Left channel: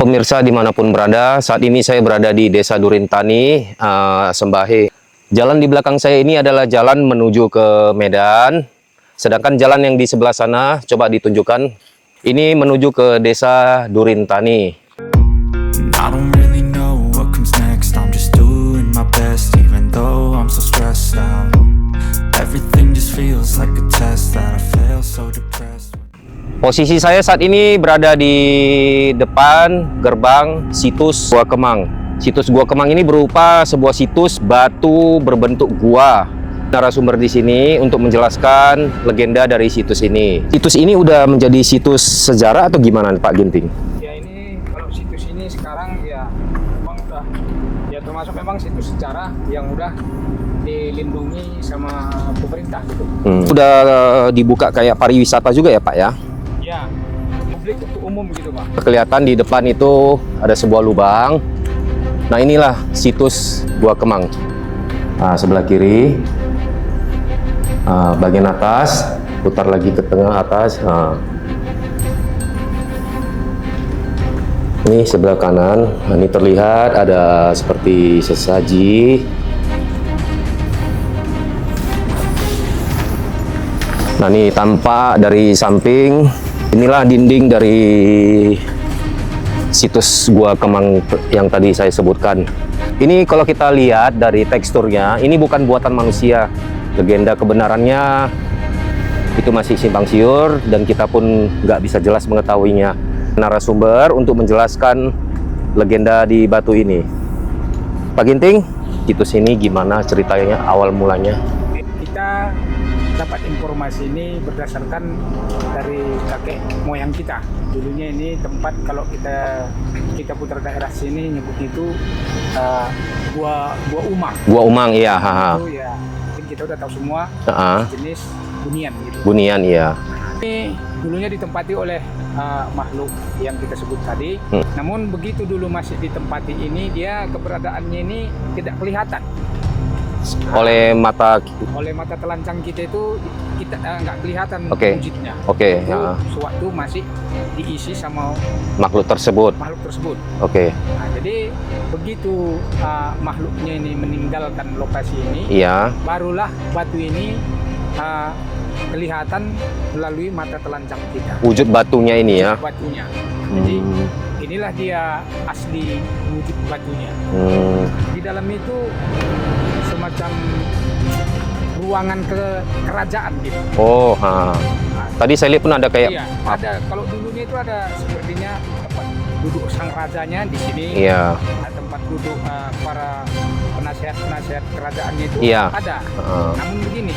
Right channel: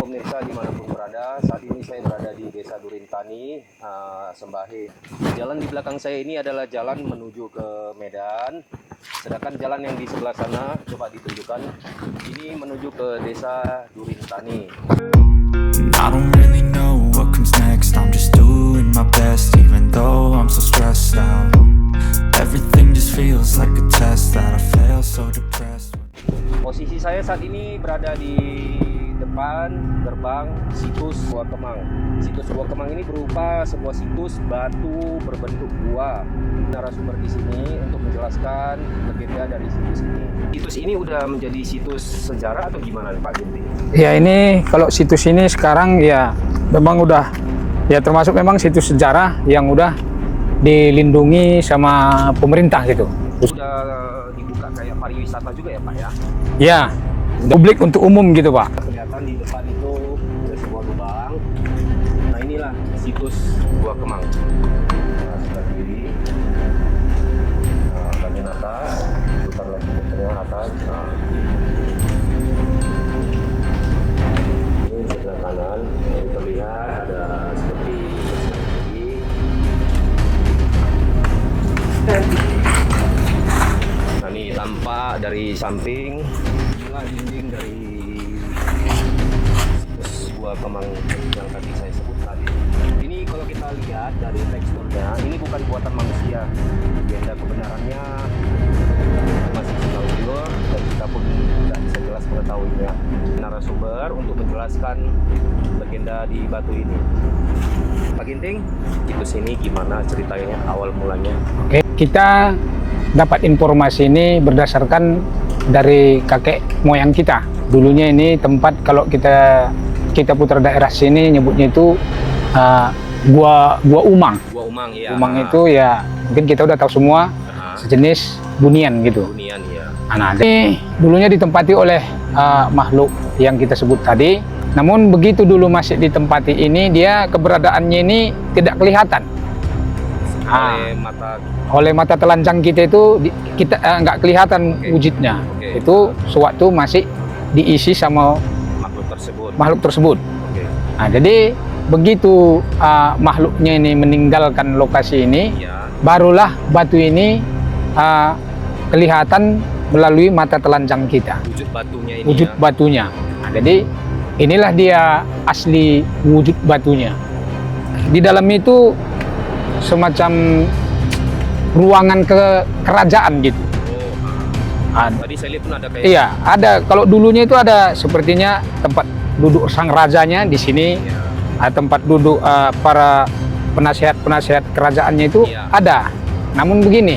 Pemirsa dimanapun berada, saat ini saya berada di Desa Durintani, Sembahe. Jalan di belakang saya ini adalah jalan menuju ke Medan. Sedangkan jalan yang di sebelah sana, coba ditunjukkan, ini menuju ke Desa Durintani. I don't really know what comes next. I'm just doing my best, even though I'm so stressed out. Everything just feels like a test that I fail, so depressed. Posisi saya saat ini berada di depan gerbang situs Gua Kemang. Situs Gua Kemang ini berupa sebuah situs batu berbentuk gua. Narasumber di sini untuk menjelaskan legenda dari situs ini. Situs ini udah menjadi situs sejarah atau gimana Pak Ginting? Ya, ini kalau situs ini sekarang ya memang udah ya termasuk memang situs sejarah yang udah dilindungi sama pemerintah gitu. Udah dibuka kayak pariwisata juga ya Pak ya? Ya, publik untuk umum gitu Pak. Kelihatan di depan itu ada sebuah lubang. Nah, inilah situs Gua Kemang. Nah, sebelah kiri, bagian atas, putar lagi ke tengah atas. Nah, ini sebelah kanan. Nah, ini terlihat ada seperti sesaji. Nah, ini tampak dari samping. Inilah dinding dari situs Gua Kemang yang tadi saya sebutkan. Ini kalau kita lihat dari teksturnya, ini bukan buatan manusia. Legenda kebenarannya itu masih simpang siur dan kita pun nggak bisa jelas mengetahuinya. Narasumber untuk menjelaskan legenda di batu ini. Pak Ginting, situs ini gimana ceritanya awal mulanya? Kita dapat informasi ini berdasarkan dari kakek moyang kita. Dulunya ini tempat kalau kita putar daerah sini nyebutnya itu Gua Umang. Gua Umang, iya. Umang itu ya mungkin kita udah tahu semua jenis bunian gitu. Bunian, iya. Nah, ini dulunya ditempati oleh makhluk yang kita sebut tadi. Namun begitu dulu masih ditempati ini, dia keberadaannya ini tidak kelihatan. Oleh mata telanjang kita itu kita nggak kelihatan wujudnya. Itu sewaktu masih diisi sama makhluk tersebut. Nah, jadi begitu makhluknya ini meninggalkan lokasi ini, barulah batu ini kelihatan melalui mata telanjang kita. Wujud batunya ini wujud batunya. Nah, jadi inilah dia asli wujud batunya. Di dalam itu semacam ruangan kerajaan gitu. Tadi saya lihat pun ada kayak. Iya, ada. Kalau dulunya itu ada sepertinya tempat duduk sang rajanya di sini. Iya. Tempat duduk para penasihat kerajaannya itu ada. Namun begini,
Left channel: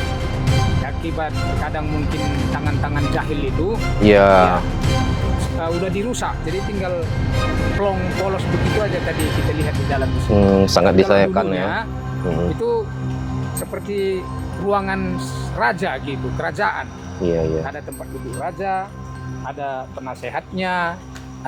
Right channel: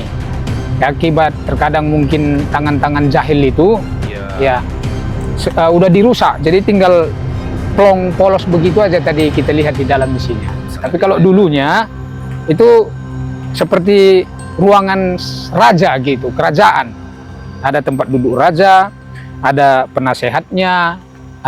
akibat terkadang mungkin tangan-tangan jahil itu, udah dirusak. Jadi tinggal plong polos begitu aja tadi kita lihat di dalam di sini. Tapi kalau dulunya itu seperti ruangan raja gitu, kerajaan. Ada tempat duduk raja, ada penasehatnya,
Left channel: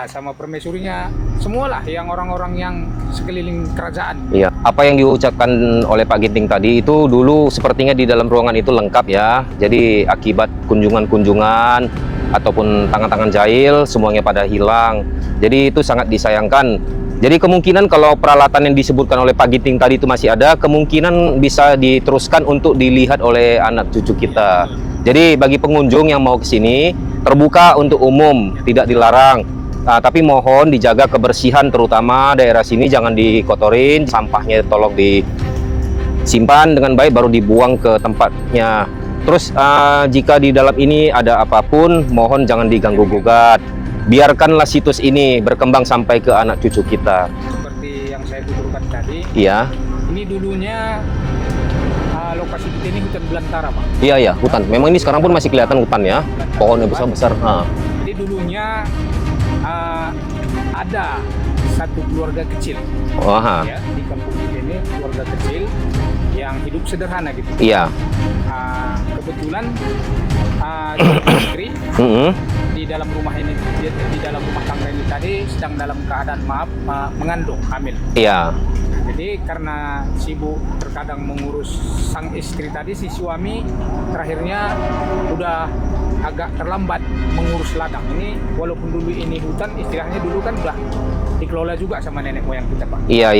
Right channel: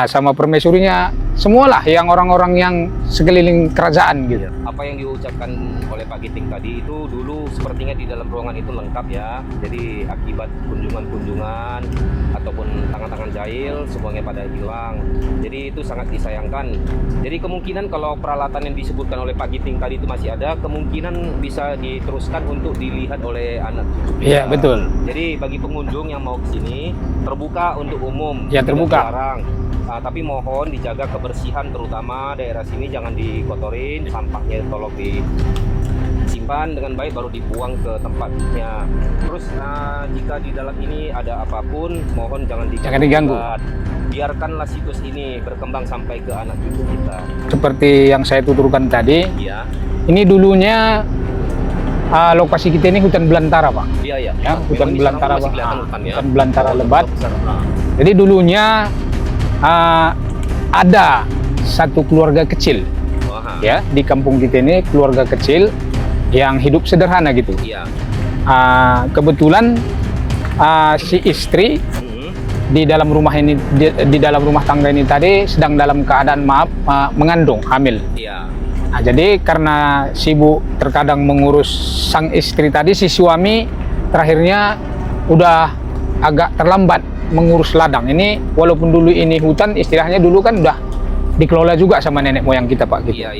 sama permaisurinya, semualah yang orang-orang yang sekeliling kerajaan gitu. Apa yang diucapkan oleh Pak Ginting tadi itu dulu sepertinya di dalam ruangan itu lengkap ya. Jadi akibat kunjungan-kunjungan ataupun tangan-tangan jahil semuanya pada hilang. Jadi itu sangat disayangkan. Jadi kemungkinan kalau peralatan yang disebutkan oleh Pak Ginting tadi itu masih ada, kemungkinan bisa diteruskan untuk dilihat oleh anak cucu kita. Iya, betul. Jadi bagi pengunjung yang mau ke sini, terbuka untuk umum, tidak dilarang. Tapi mohon dijaga kebersihan, terutama daerah sini jangan dikotorin, sampahnya tolong disimpan dengan baik baru dibuang ke tempatnya. Terus jika di dalam ini ada apapun, mohon jangan diganggu-gugat. Biarkanlah situs ini berkembang sampai ke anak cucu kita. Seperti yang saya tuturkan tadi, ini dulunya lokasi kita ini hutan belantara Pak. Iya, hutan. Memang ini sekarang pun masih kelihatan hutan ya. Pohon besar. Jadi dulunya ada satu keluarga kecil, ya di kampung kita ini keluarga kecil yang hidup sederhana gitu. Iya. Kebetulan si istri di dalam rumah ini, di dalam rumah tangga ini tadi sedang dalam keadaan mengandung, hamil. Iya. Nah, jadi karena sibuk terkadang mengurus sang istri tadi, si suami terakhirnya udah agak terlambat mengurus ladang ini. Walaupun dulu ini hutan, istilahnya dulu kan udah dikelola juga sama nenek moyang kita, Pak. Iya.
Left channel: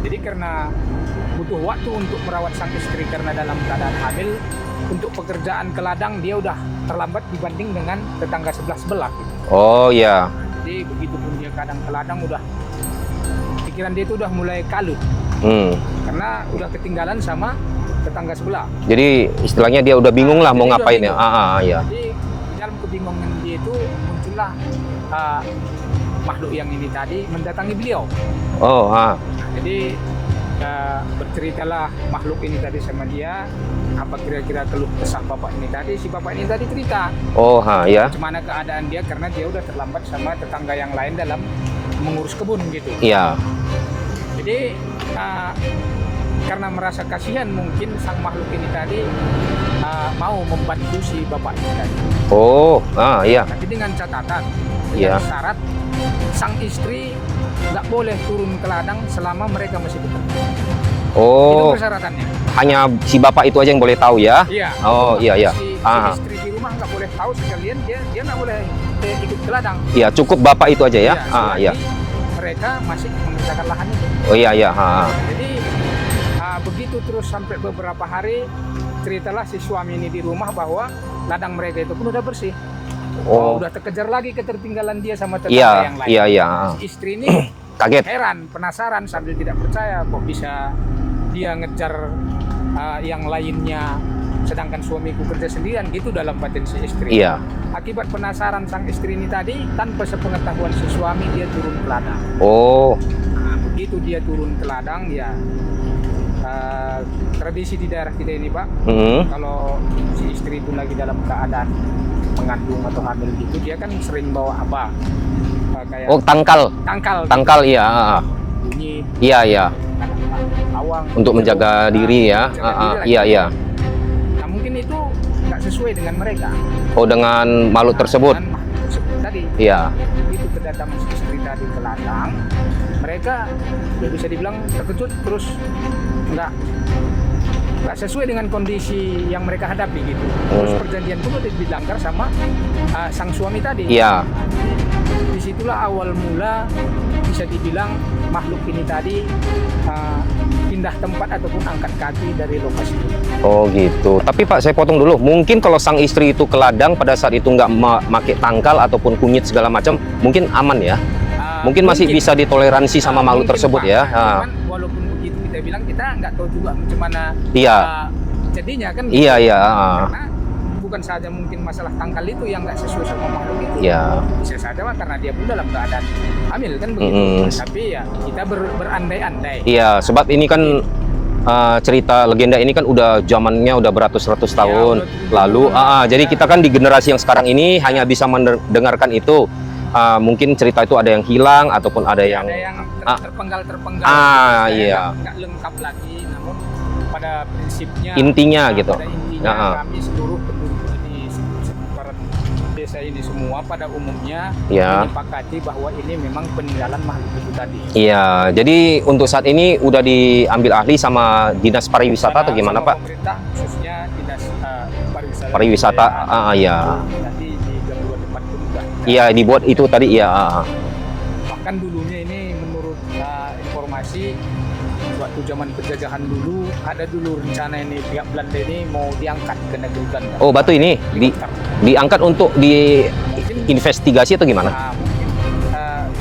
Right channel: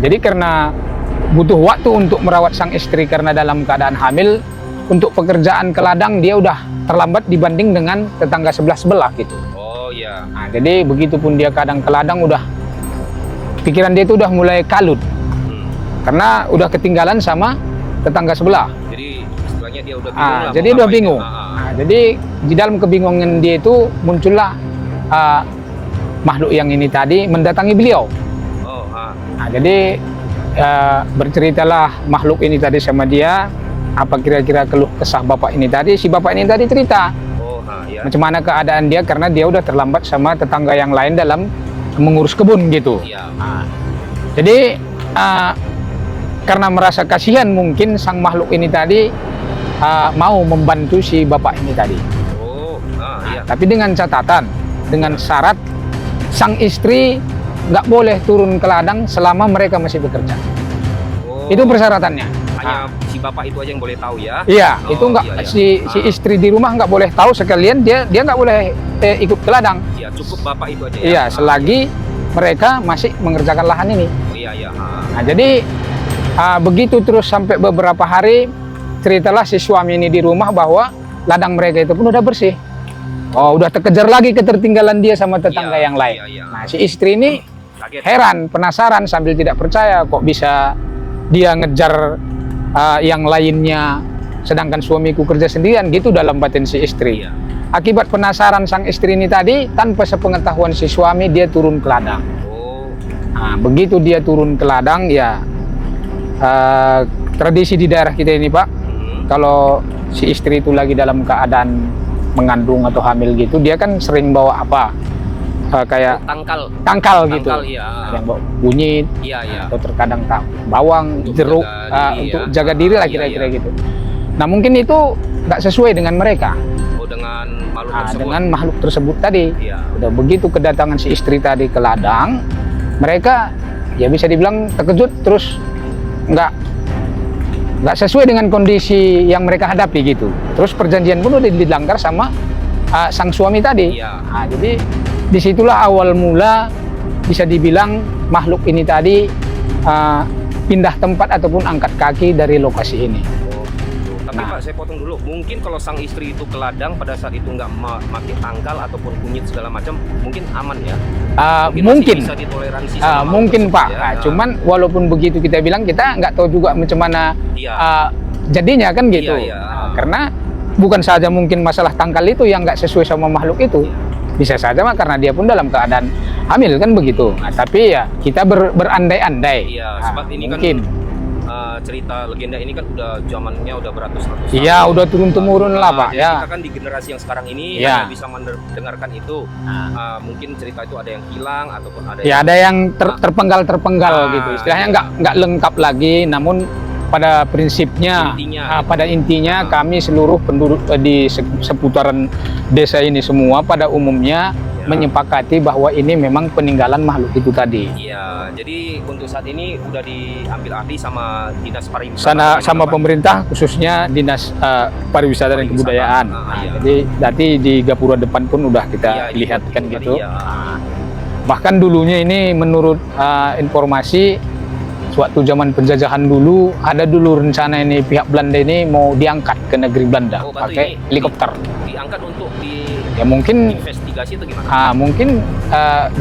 Jadi karena butuh waktu untuk merawat sang istri karena dalam keadaan hamil, untuk pekerjaan ke ladang dia udah terlambat dibanding dengan tetangga sebelah gitu. Oh iya. Nah, jadi begitupun dia kadang ke ladang udah pikiran dia itu udah mulai kalut. Karena udah ketinggalan sama tetangga sebelah. Jadi istilahnya dia udah bingung lah mau jadi ngapain. udah bingung. Iya. Jadi di dalam kebingungan dia itu muncullah makhluk yang ini tadi mendatangi beliau. Nah, jadi berceritalah makhluk ini tadi sama dia, apa kira-kira keluh kesah bapak ini tadi. Si bapak ini tadi cerita Ya. macam mana keadaan dia karena dia udah terlambat sama tetangga yang lain dalam mengurus kebun gitu. Iya. Jadi karena merasa kasihan mungkin sang makhluk ini tadi mau membantu si bapak ini tadi. Iya. Tapi dengan catatan, dengan Iya. syarat sang istri nggak boleh turun ke ladang selama mereka masih bekerja. Itu persyaratannya. Hanya si bapak itu aja yang boleh tahu ya? Iya, itu nggak iya. si istri di rumah nggak boleh tahu, sekalian dia nggak boleh ikut ke ladang. Iya, cukup bapak itu aja ya? Iya, selagi mereka masih mengerjakan lahan ini. Iya. Nah, jadi begitu terus sampai beberapa hari, ceritalah si suami ini di rumah bahwa ladang mereka itu pun udah bersih. Udah terkejar lagi ketertinggalan dia sama tetangga yang lain. Iya. Nah, si istri ini kaget, heran, penasaran sambil tidak percaya kok bisa dia ngejar yang lainnya sedangkan suamiku kerja sendirian gitu dalam batin si istri. Iya. Akibat penasaran sang istri ini tadi, tanpa sepengetahuan si suami dia turun ke ladang. Nah, begitu dia turun ke ladang ya tradisi di daerah kita ini, Pak, kalau si istri itu lagi dalam keadaan mengandung atau hamil gitu, dia kan sering bawa apa? Kayak tangkal gitu. Iya. Bunyi. Iya. Atau terkadang bawang untuk jeruk, menjaga diri ya. Untuk jaga diri lah kira-kira gitu. Nah, mungkin itu nggak sesuai dengan mereka. Dengan makhluk tersebut. Dengan makhluk tersebut tadi. Iya. Ya, begitu kedatangan si istri tadi ke ladang, mereka ya bisa dibilang terkejut, terus nggak sesuai dengan kondisi yang mereka hadapi gitu. Terus perjanjian pun udah dilanggar sama sang suami tadi. Iya. Nah, jadi disitulah awal mula bisa dibilang makhluk ini tadi pindah tempat ataupun angkat kaki dari lokasi ini. Gitu. Tapi Pak, saya potong dulu. Mungkin kalau sang istri itu ke ladang pada saat itu nggak pakai tangkal ataupun kunyit segala macam, mungkin aman ya? Mungkin masih bisa ditoleransi sama makhluk tersebut, Pak. ya? Cuman walaupun begitu kita bilang, kita nggak tahu juga macam mana jadinya kan gitu. Iya. Karena bukan saja mungkin masalah tangkal itu yang nggak sesuai sama makhluk itu. Iya. Bisa saja karena dia pun dalam keadaan hamil kan begitu. Nah, tapi ya kita berandai-andai. Iya, sebab ini kan cerita legenda ini kan udah zamannya udah beratus-ratus tahun. Iya, udah turun-temurun lah. Jadi kita kan di generasi yang sekarang ini hanya bisa mendengarkan itu. Mungkin cerita itu ada yang hilang ataupun ada yang ada yang terpenggal-terpenggal gitu. Istilahnya nggak lengkap lagi, namun pada prinsipnya gitu. Pada intinya kami seluruh penduduk di seputaran desa ini semua pada umumnya menyepakati bahwa ini memang peninggalan makhluk itu tadi. Iya, jadi untuk saat ini udah diambil ahli sama Dinas Pariwisata sama Pak? Pemerintah, khususnya Dinas Pariwisata dan Kebudayaan. Jadi nanti di Gapura depan pun udah kita dibuat itu gitu. Tadi Bahkan dulunya ini menurut informasi waktu zaman penjajahan dulu, ada dulu rencana ini pihak Belanda ini mau diangkat ke negeri Belanda. Batu ini helikopter diangkat untuk mungkin investigasi atau gimana? Mungkin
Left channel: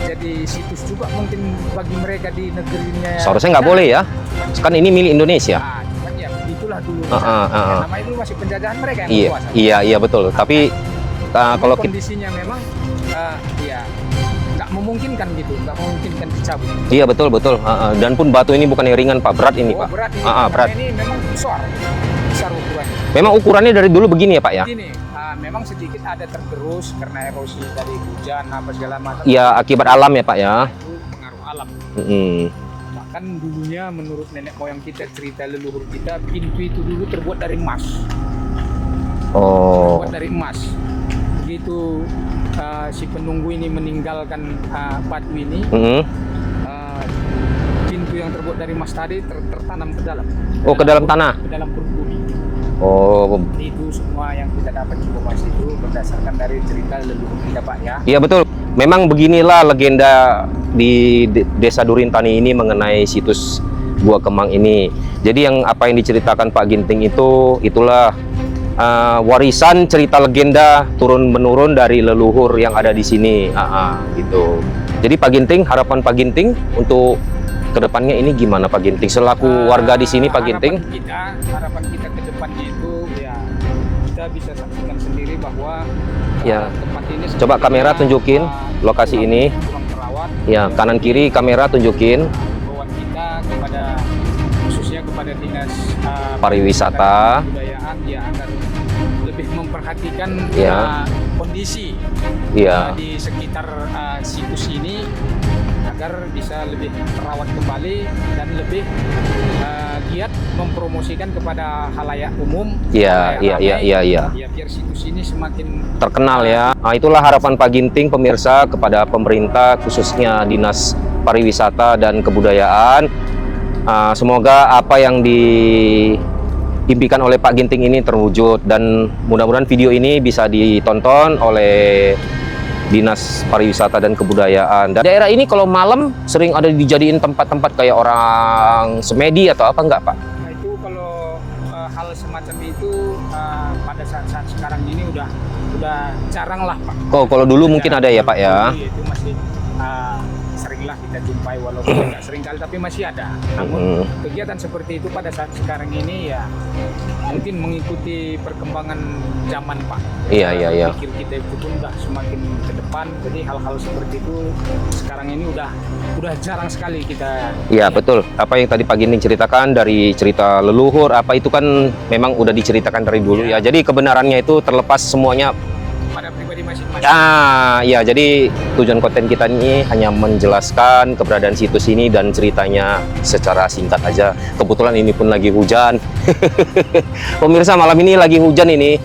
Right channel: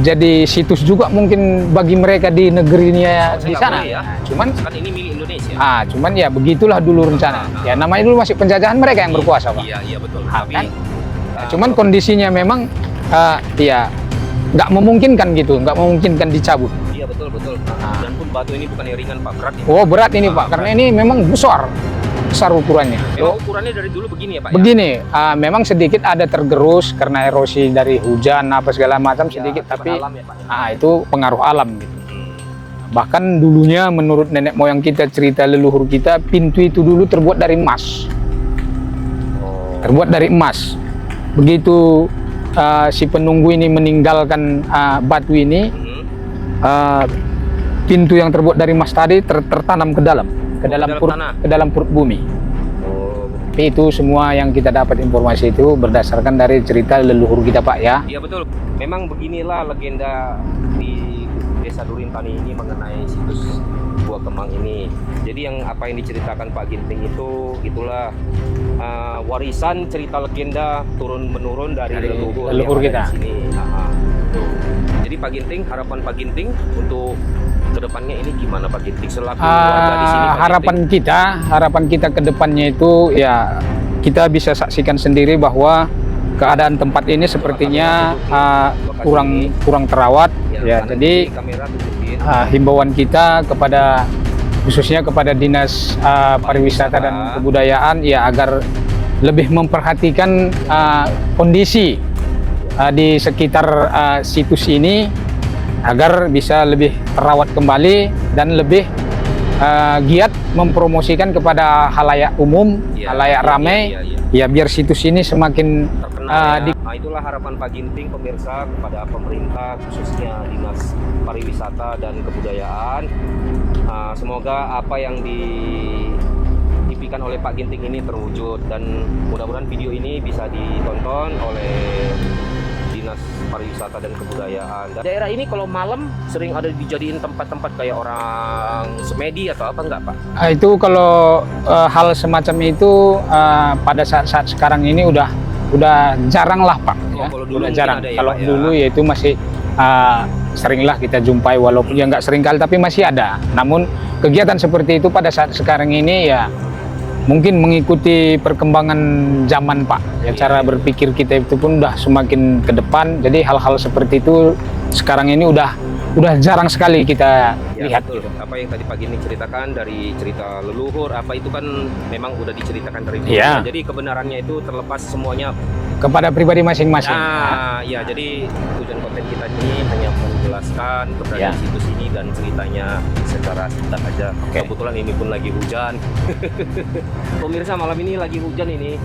jadi situs juga mungkin bagi mereka di negeri ini ya. Seharusnya nggak boleh ya. Cuman kan ini milik Indonesia. Cuman ya begitulah dulu rencana. Ya namanya dulu masih penjajahan mereka yang berkuasa. Iya betul. Tapi cuman kondisinya memang nggak memungkinkan gitu, nggak memungkinkan dicabut. Iya betul. Dan pun batu ini bukan yang ringan Pak, berat ini. Berat ini Pak, karena ini memang besar ukurannya. Memang ukurannya dari dulu begini ya Pak? Begini, memang sedikit ada tergerus karena erosi dari hujan apa segala macam. Iya, akibat alam ya Pak ya. Itu pengaruh alam gitu. Bahkan dulunya menurut nenek moyang kita, cerita leluhur kita, pintu itu dulu terbuat dari emas. Terbuat dari emas. Begitu si penunggu ini meninggalkan batu ini, pintu yang terbuat dari emas tadi tertanam ke dalam, dalam tanah, ke dalam perut bumi. Oh, Tapi itu semua yang kita dapat informasi itu berdasarkan dari cerita leluhur kita, Pak, ya. iya betul. Memang beginilah legenda di Desa Durintani ini mengenai situs Gua Kemang ini. Jadi yang apa yang diceritakan Pak Ginting itulah warisan cerita legenda turun menurun dari leluhur yang ada di sini. Gitu. Jadi Pak Ginting, harapan Pak Ginting untuk kedepannya ini gimana Pak Ginting selaku warga di sini Pak Ginting? Harapan kita ke depannya itu ya kita bisa saksikan sendiri bahwa keadaan tempat ini Coba sepertinya kamera tunjukin lokasi ini kurang terawat. Ya, kanan kiri kamera tunjukin. Himbauan kita kepada khususnya kepada Dinas Pariwisata dan Kebudayaan ya agar lebih memperhatikan kondisi di sekitar situs ini agar bisa lebih terawat kembali dan lebih giat mempromosikan kepada halayak umum, halayak ramai, ya biar situs ini semakin terkenal ya. Nah, itulah harapan Pak Ginting pemirsa kepada pemerintah khususnya Dinas Pariwisata dan Kebudayaan. Semoga apa yang diimpikan oleh Pak Ginting ini terwujud dan mudah-mudahan video ini bisa ditonton oleh Dinas Pariwisata dan Kebudayaan. Dan daerah ini kalau malam sering ada dijadiin tempat-tempat kayak orang semedi atau apa enggak Pak? Itu kalau hal semacam itu pada saat-saat sekarang ini udah jarang lah Pak. Oh, kalau dulu mungkin ada ya Pak ya? Dulu ya itu masih seringlah kita jumpai walaupun ya nggak sering kali tapi masih ada. Namun kegiatan seperti itu pada saat sekarang ini ya mungkin mengikuti perkembangan zaman Pak. Cara berpikir kita itu pun udah semakin ke depan. Jadi hal-hal seperti itu sekarang ini udah jarang sekali kita lihat. Betul. Apa yang tadi Pak Ginting ceritakan dari cerita leluhur, apa itu kan memang udah diceritakan dari dulu ya. Jadi kebenarannya itu terlepas semuanya kepada pribadi masing-masing. Jadi tujuan konten kita ini hanya menjelaskan keberadaan situs ini dan ceritanya secara singkat aja. Kebetulan ini pun lagi hujan. Pemirsa, malam ini lagi hujan ini.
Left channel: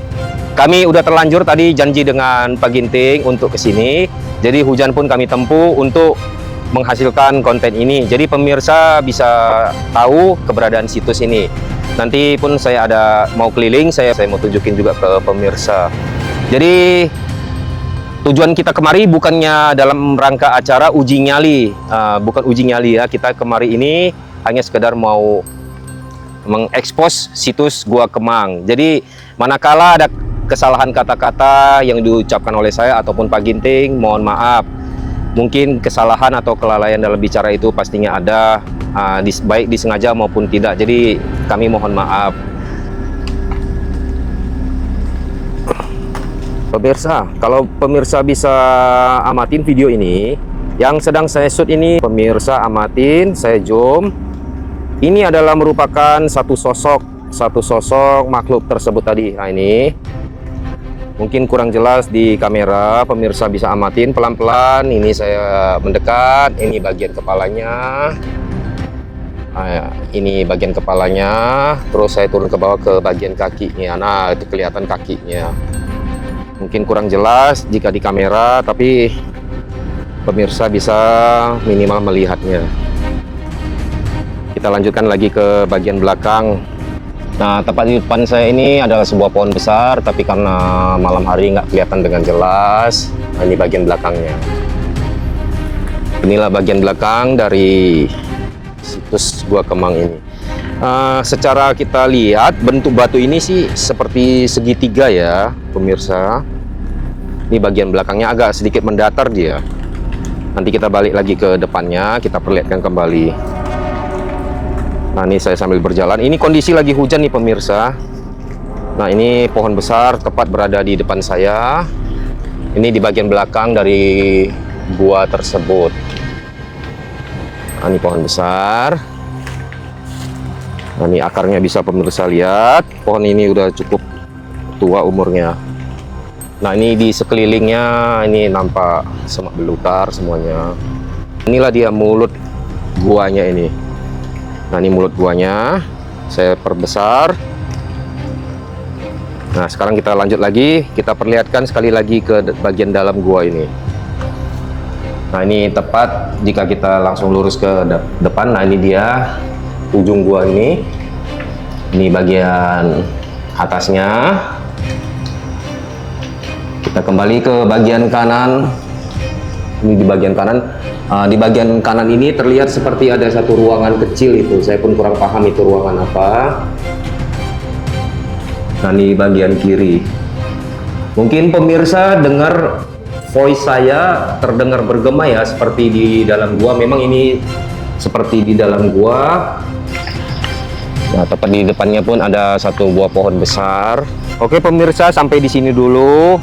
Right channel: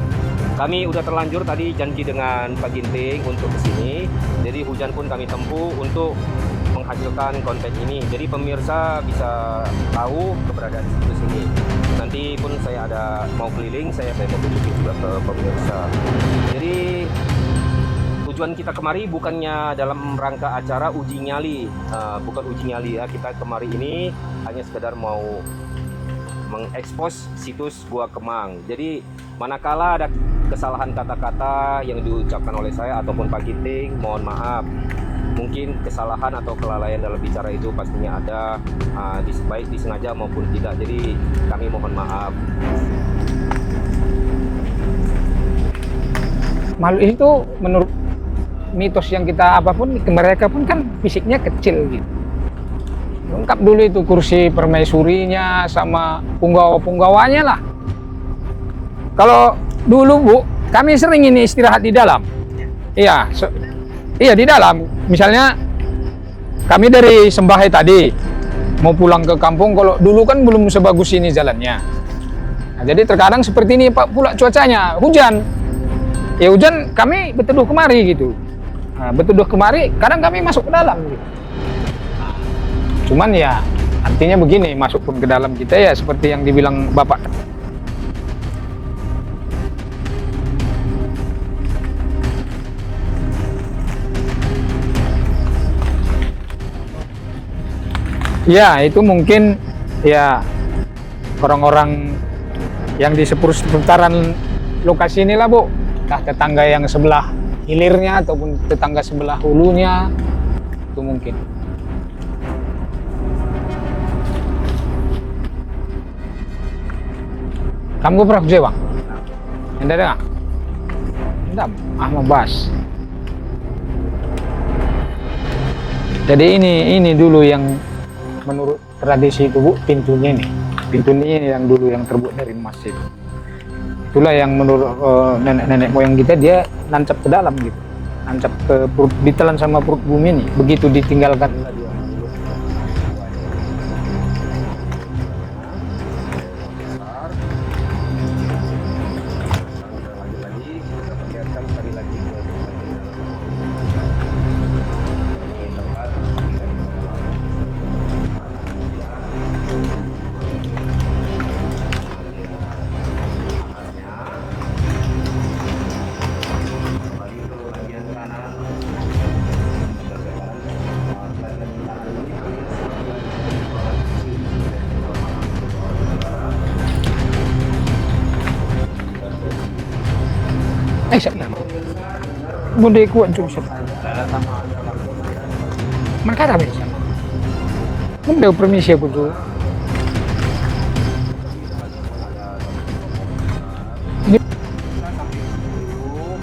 Kami udah terlanjur tadi janji dengan Pak Ginting untuk kesini. Jadi hujan pun kami tempuh untuk menghasilkan konten ini. Jadi pemirsa bisa tahu keberadaan situs ini. Nanti pun saya ada mau keliling, saya mau tunjukin juga ke pemirsa. Jadi tujuan kita kemari bukannya dalam rangka acara uji nyali, bukan uji nyali ya. Kita kemari ini hanya sekedar mau mengekspos situs Gua Kemang. Jadi manakala ada kesalahan kata-kata yang diucapkan oleh saya ataupun Pak Ginting, mohon maaf. Mungkin kesalahan atau kelalaian dalam bicara itu pastinya ada, baik disengaja maupun tidak. Jadi kami mohon maaf. Pemirsa, kalau pemirsa bisa amatin video ini, kan yang sedang saya shoot ini, pemirsa amatin, saya zoom. Ini adalah merupakan satu sosok makhluk tersebut tadi ini. Dulu Bu, kami sering ini istirahat di dalam. Di kamera, pemirsa bisa amatin pelan-pelan. Ini misalnya saya mendekat. Ini kami dari Sembahe tadi mau pulang ke kampung, kalau dulu kan belum sebagus ini jalannya. Terus saya turun ke bawah ke jadi terkadang seperti ini Pak, pula cuacanya hujan. Ya hujan kami jelas betuduh kemari di kamera, gitu. Tapi betuduh kemari, kadang kami pemirsa bisa minimal melihatnya. Cuman ya artinya begini. Kita lanjutkan lagi ke bagian belakang. Yang dibilang Bapak. Nah, tepat di depan saya ini adalah sebuah pohon besar, tapi karena malam hari nggak kelihatan dengan jelas. Nah, ini bagian belakangnya. Inilah bagian belakang dari itu mungkin Gua Kemang ini. Secara orang-orang kita lihat bentuk batu ini sih seperti segitiga ya, inilah, Bu. Pemirsa. Tangga yang sebelah. Ini bagian belakangnya agak sedikit mendatar dia. Dulunya. Nanti kita balik lagi ke depannya, kita perlihatkan kembali. Nah, ini saya sambil berjalan. Ini kondisi lagi hujan nih pemirsa. Kamu Prof Jewang. Nah, ini pohon besar tepat berada di depan saya. Membahas. Ini di bagian belakang dari gua tersebut. Jadi ini dulu yang ini pohon besar. Tradisi itu Bu, pintunya ini. Nah, ini akarnya bisa pemirsa lihat. Pohon ini udah cukup itulah yang menurut tua umurnya. Nenek moyang kita dia. Nah, ini di sekelilingnya ini nampak ditelan sama bumi begitu ditinggalkan. Inilah dia mulut guanya ini. Nah, ini mulut guanya. Saya perbesar. Nah, sekarang kita lanjut lagi. Kita perlihatkan sekali lagi ke bagian dalam gua ini. Nah, ini tepat jika kita langsung lurus ke depan. Nah, ini dia ujung gua ini. Ini bagian atasnya. Kita kembali ke bagian kanan. Ini di bagian kanan. Di bagian kanan ini terlihat seperti ada satu ruangan kecil itu. Saya pun kurang paham itu ruangan apa. Nah, di bagian kiri. Mungkin pemirsa dengar voice saya terdengar bergema ya, seperti di dalam gua. Memang ini seperti di dalam gua. Nah, tepat di depannya pun ada satu buah pohon besar. Oke pemirsa, sampai di sini dulu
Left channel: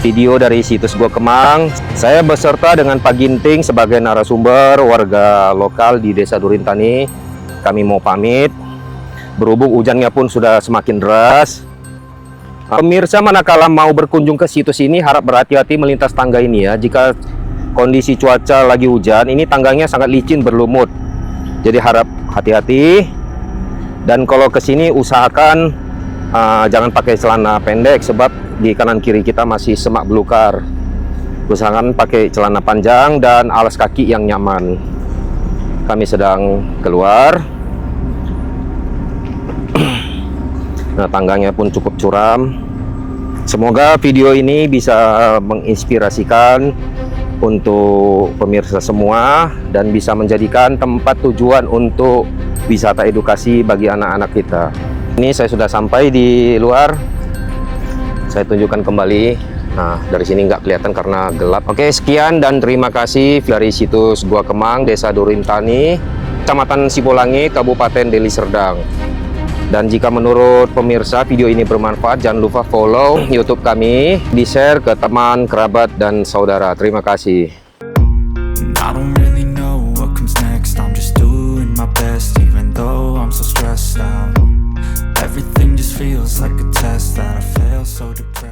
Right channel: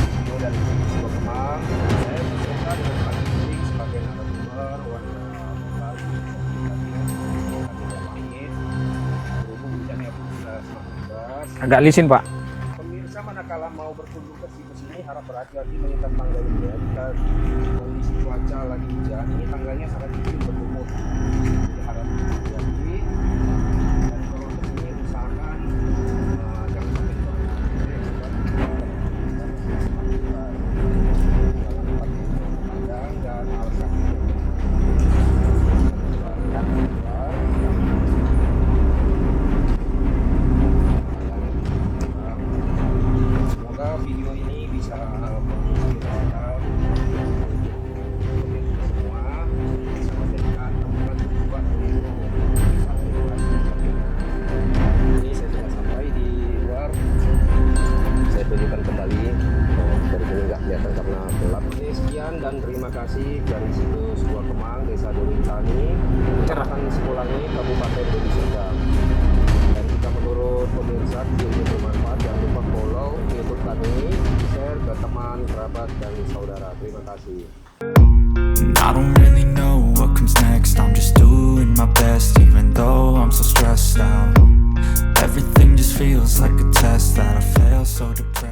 video dari situs Gua Kemang. Saya beserta dengan Pak Ginting sebagai narasumber warga lokal di Desa Durintani. Kami mau pamit. Berhubung hujannya pun sudah semakin deras. Agak licin, Pak. Pemirsa manakala mau berkunjung ke situs ini harap berhati-hati melintas tangga ini ya. Jika kondisi cuaca lagi hujan, ini tangganya sangat licin berlumut. Jadi harap hati-hati. Dan kalau ke sini usahakan jangan pakai celana pendek sebab di kanan kiri kita masih semak belukar. Usahakan pakai celana panjang dan alas kaki yang nyaman. Kami sedang keluar. Nah, tangganya pun cukup curam. Semoga video ini bisa menginspirasikan untuk pemirsa semua dan bisa menjadikan tempat tujuan untuk wisata edukasi bagi anak-anak kita. Ini saya sudah sampai di luar. Saya tunjukkan kembali. Nah, dari sini nggak kelihatan karena gelap. Oke, sekian dan terima kasih dari situs Gua Kemang, Desa Durintani, Kecamatan Sipolangi, Kabupaten Deli Serdang. Dan jika menurut pemirsa video ini bermanfaat, jangan lupa follow YouTube kami, di-share ke teman, kerabat, dan saudara. Terima kasih. I don't really know what comes next. I'm just doing my best, even though I'm so stressed out. Everything just feels like a test that I fail, so depressed.